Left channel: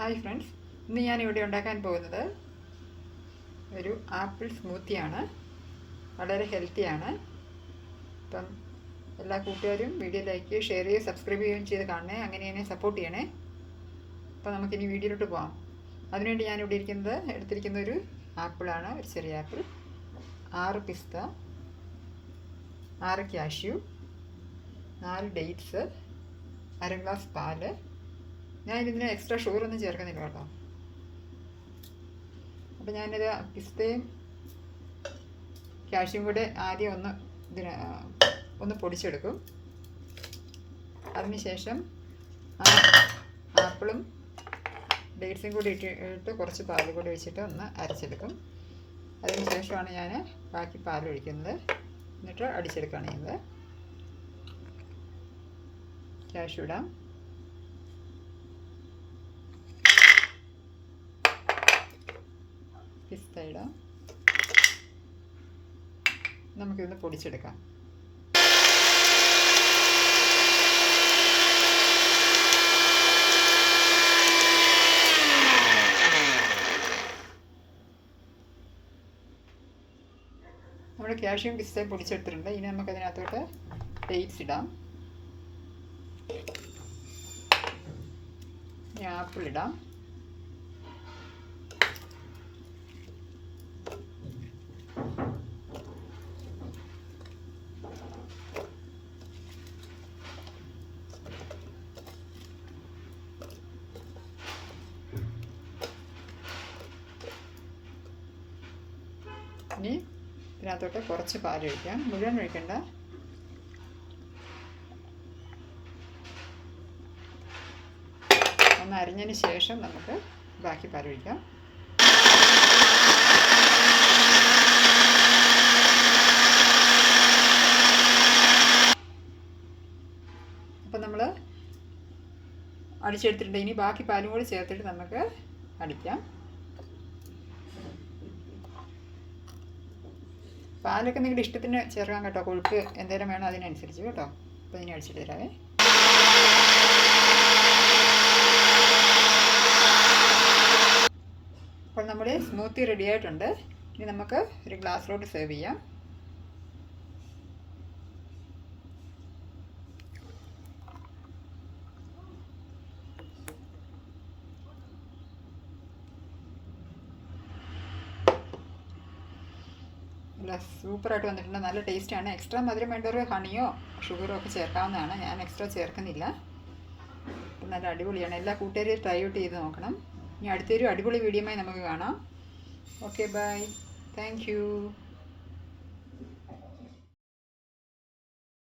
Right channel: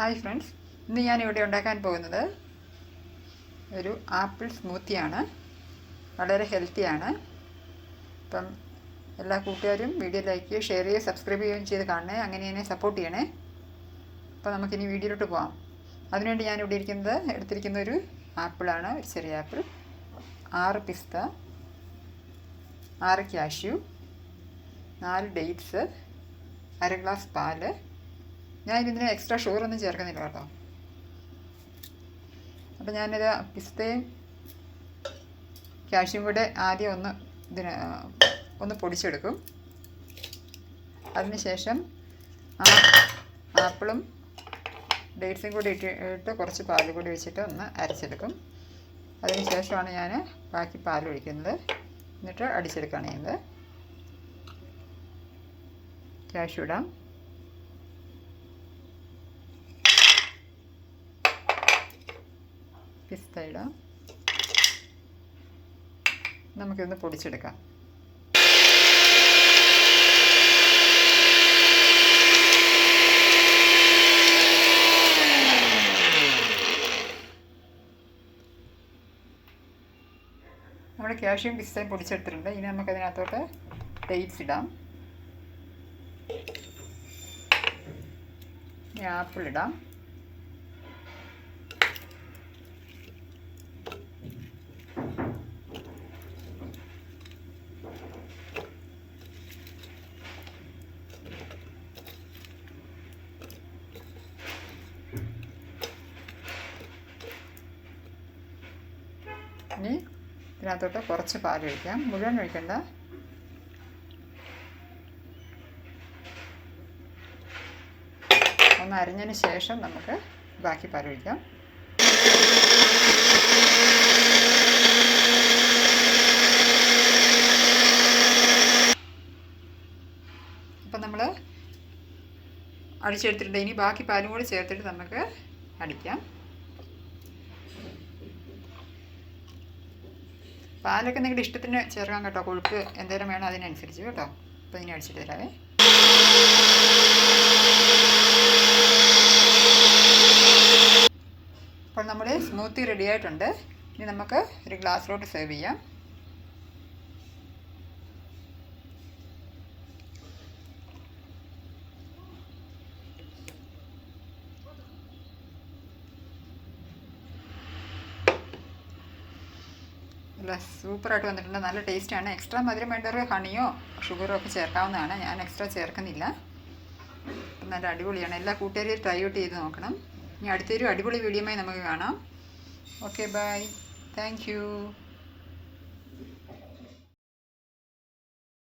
Hi friends ഇന്ന് ഞാൻ ഇവിടെ ഉണ്ടാക്കാൻ പോകുന്നത് ഒരു ആപ്പിൾ സ്മൂത്തിയാണ് വളരെ ഹെൽത്തിയാണ് അപ്പം എല്ലാ കൂട്ടുകാരും വീഡിയോ ലൈക്ക് ചെയ്യുക ഷെയർ ചെയ്യുക സബ്സ്ക്രൈബ് ചെയ്യുകയും ചെയ്ത് കാണണേ. അങ്ങനെ എന്നെ സപ്പോർട്ട് ചെയ്യണേ. അപ്പോൾ നമുക്കിനി വീഡിയോയിലോട്ട് പോകാം അതിനുവേണ്ടി ഞാൻ ഇവിടെ ഇരിക്കുന്നത് എടുത്തിരിക്കുന്ന ഒരു ആപ്പിളാണ് ഒരു ചെറിയ ആപ്പിൾ ആറ് പിസ്ത ആറ് ക്യാഷ്യൂ നാല് ഡേറ്റ്സ് അര ഗ്ലാസ് പാൽ ഞാൻ ഇതിന് എക്സ്ട്രാ ഷുഗർ ഒന്നും ചേർക്കുന്നില്ല കേട്ടോ. അപ്പോൾ ഞാനിത് പിസ്തയും കാഷ്യും കൂടെ ആദ്യം ഒന്ന് ഇതിന് ഒന്ന് പൊടിച്ചെടുക്കും. അതിനുശേഷം ആ ആപ്പിളും ഡേറ്റ്സും കൂടി ഇട്ട് ഇട്ട് കുറച്ച് പാൽ കൂടി വെച്ചിട്ട് ഒന്ന് അരച്ചെടുക്കും. അതിന് ശേഷമാണ് ഞാൻ ബാക്കി പാൽ ഒഴിക്കുന്നത്. എന്നിട്ട് അടിച്ചെടുക്കുകയാണ് ചെയ്യുന്നത്. കാഷ്യൂ ഇടാം. പിസ്ത ഇടാം. നമുക്കിന്ന് പൊടിച്ചെടുക്കാം. നമ്മൾ കാഷ്യം പിസ്തയും പൊടിച്ചെടുത്തിട്ടുണ്ട്. ഇനി നമുക്കതിനകത്തോട്ട് ഡേറ്റ്സ് ഇടാം. ആപ്പിൾ ഇടാം. ഇനി ഇതിനകത്തോട്ട് കുറച്ച് പാൽ ഒഴിക്കാം. മുഴുവൻ ഒഴിക്കണ്ട. ഒന്ന് അരിഞ്ഞതിന് ശേഷം നമുക്ക് ബാക്കി പാൽ ഒഴിക്കാം. അപ്പം നമ്മൾ അടിച്ചെടുത്തിട്ടുണ്ട്. ഇനി ബാക്കി പാലും കൂടി ചേർത്തിട്ട് നമുക്ക് അടിക്കാം. പാലൊക്കെ നിങ്ങളുടെ ഇഷ്ടത്തിന് ചേർക്കാം കേട്ടോ. കൊഴുപ്പ് എന്തേലും വേണം അതിനനുസരിച്ച് കേട്ടോ. അപ്പോൾ ഇനി അടിച്ചിട്ട് തരാവേ. അപ്പോൾ നമ്മുടെ സ്മൂത്തി റെഡി ആയിട്ടുണ്ട്. ഇനി നമുക്ക് ഒരു ഗ്ലാസ്സിലോട്ട് സെർവ് ചെയ്യാം. നല്ല സൂപ്പറായിട്ട് വന്നിട്ടുണ്ട്. നല്ല ടേസ്റ്റാണ് എക്സ്ട്രാ മധുരം വേണ്ടവർ ഹണിയോ ഷുഗറോ ഒക്കെ ചേർക്കാവുന്നതാണ്. ഞാൻ എക്സ്ട്രാ ചേർക്കുന്നില്ല. നല്ല അടിപൊളിയാണ്. എല്ലാ കൂട്ടുകാരും ട്രൈ ഔട്ട് ചെയ്ത് നോക്കണം. ഇനി അടുത്തൊരു അടിപൊളി വീഡിയോയുമായി നമുക്ക് കാണാം. Okay bye thank